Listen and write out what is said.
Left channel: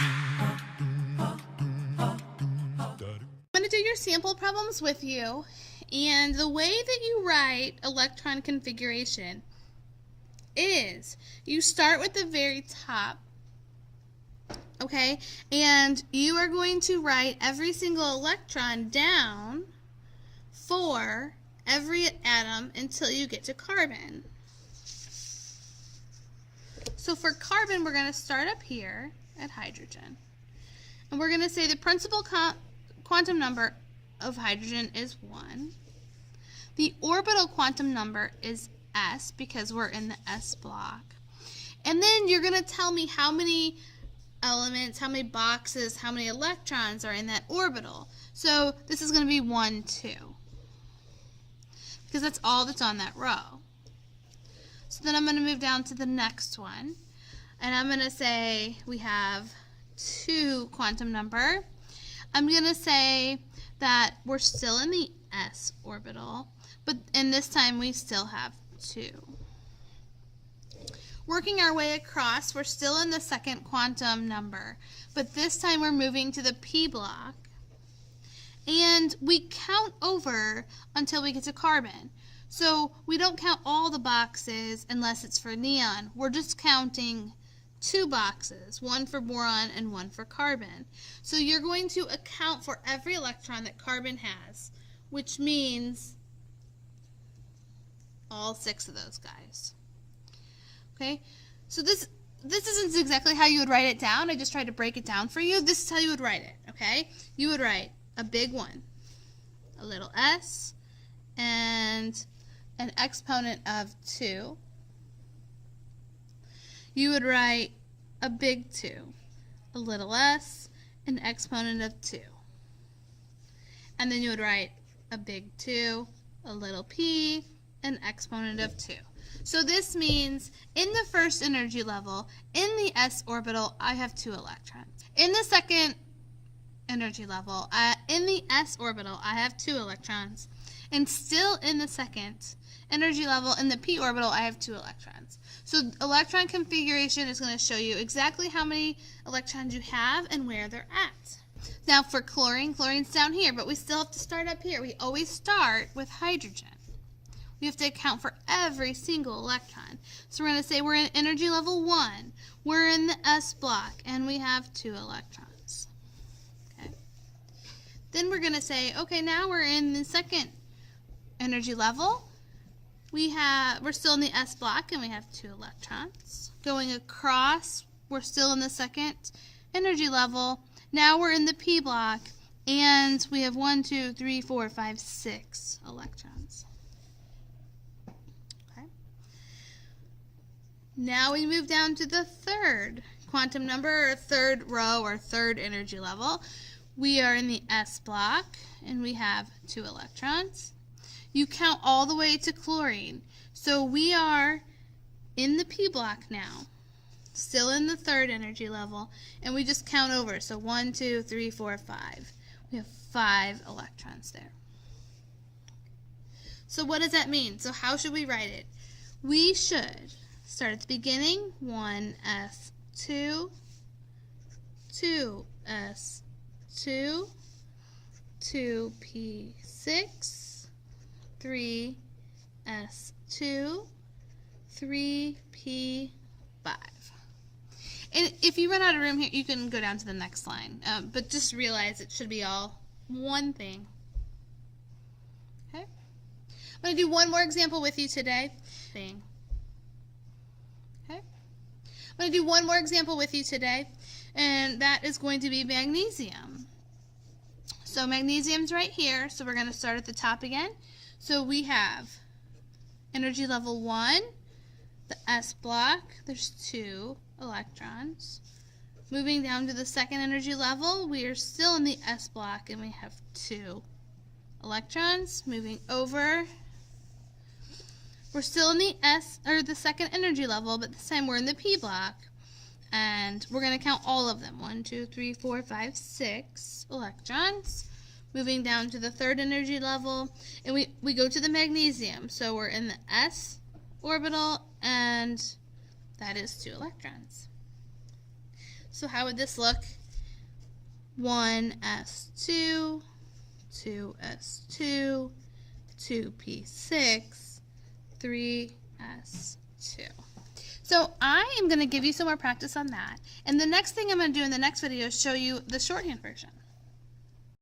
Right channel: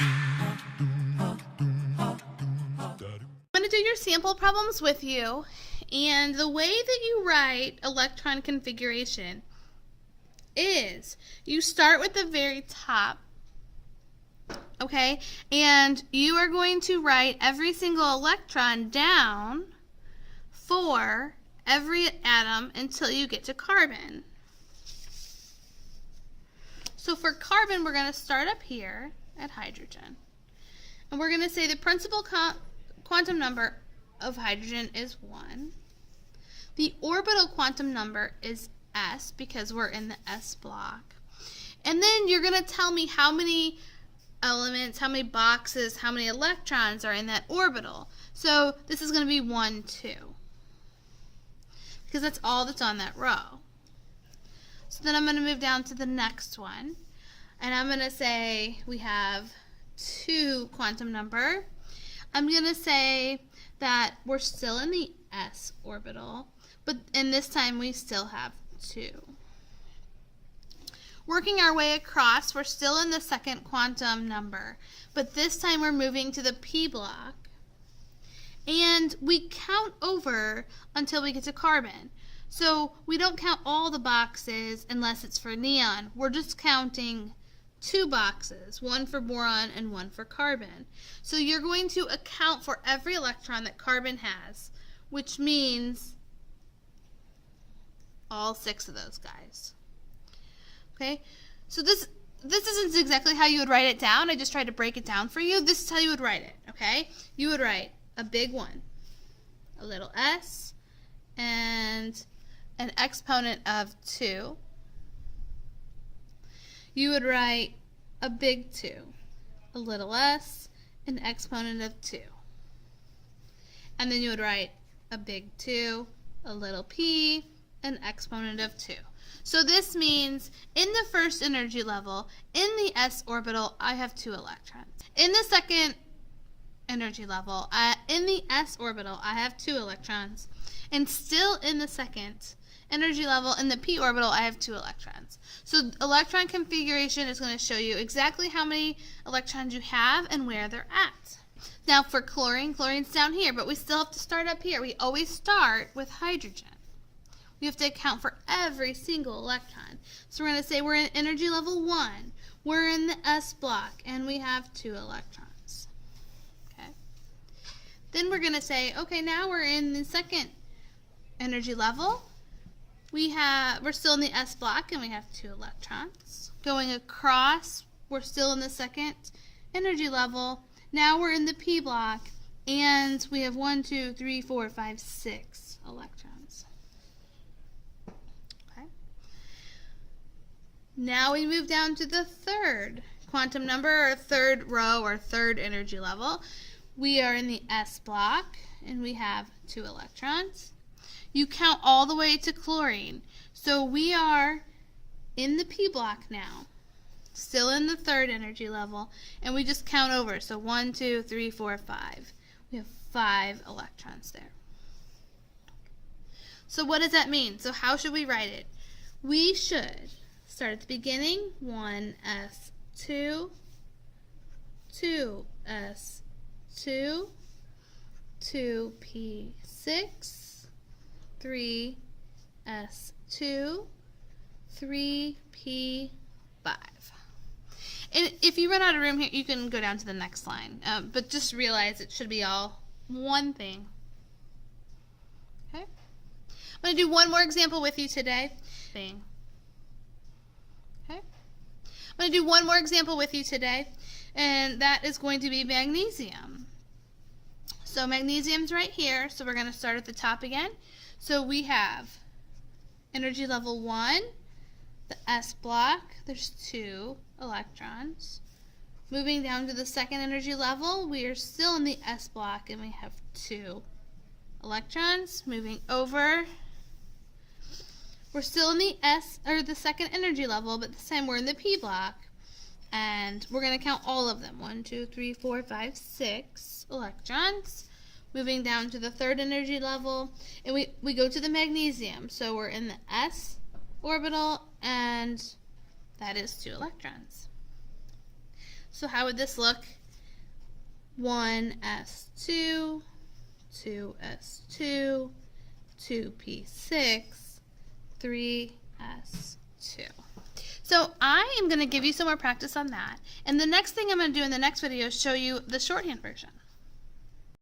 I'm going to do your sample problems with you, and the way that you write electron configuration is you start with the very top, okay, and you are going to write every single electron down for every atom until you get to carbon. So for carbon, we're going to start up here at hydrogen, and we're going to say the principal quantum number of hydrogen is 1. The orbital quantum number is s because we're in the s block. And then you're going to tell me how many elements, how many boxes, how many electrons are in that orbital. So this is going to be 1, 2. Because that's all that's on that row. So then I'm going to move down to the next one. And I'm going to say we have 2 quantum number. I'm going to say that we're still in the s orbital, and this time we still have 2. Working our way across, we're still in the second quantum number, but this time we're moving to the p block, and we count over until we get to carbon. So we don't count all the boxes unless it's for neon. We're just counting 2 boxes, one for boron and one for carbon. So you're going to account for every electron that carbon has, which means all 6 of those guys. Okay, so this isn't exactly how you would write it down. I just tried to break it down for you. This is how you would write it, okay? You would write a big 1, a little s, and an exponent of 2. You would write a big 2, a little s, an exponent of 2. And then you would write a big 2, a little p, an exponent of 2. So this means in the first energy level, in the s orbital, I have 2 electrons. In the second energy level, in the s orbital, I have 2 electrons. And still in the second energy level, in the p orbital, I have 2 electrons. So electron configuration is going to show you exactly how many electrons you have and where they're at. Now for chlorine, chlorine's down here, but we still have to start up here. We always start with hydrogen. We have to account for every single electron. So we're going to say we're in energy level 1. We're in the s block, and we have 2 electrons. Okay. Then we're going to say, okay, now we're in the second energy level. We're still in the s block, and we have 2 electrons. Going across, we're still in the second energy level. Now we're in the p block, and we have 1, 2, 3, 4, 5, 6 electrons. Okay. Now we move down to the third quantum number, or third row, or third energy level. We are in the s block, and we have 2 electrons. You count all the way to chlorine. So we are in the p block now, still in the third energy level, and we just count over. So 1, 2, 3, 4, 5. We have 5 electrons there. So what does that mean? So how should we write it? We should start at the beginning, 1s2, 2s2, 2p6, 3s2, 3p5. And if you run out of room here, you can go down to the next line. But just realize it should be all one thing. Okay? I'm going to do one more example with you today. Okay? I'm going to do one more example with you today, and that is going to be magnesium. So magnesium's right here, so we're going to start at the top again. So we have energy level 1, the s block, there's 2 electrons. Moving down to the second energy level, we are still in the s block, and we have 2 electrons. Moving over, we're still in the second energy level, but this time we're in the p block, and we're going to count all of them. 1, 2, 3, 4, 5, 6 electrons. Moving down to the third energy level, and we go to the magnesium. So we're in the s orbital, and that is 2 electrons. So how would this look? 1s2, 2s2, 2p6, 3s2. So I am going to give you some more practice on that. And the next thing I'm going to do in the next video is show you the shorthand version.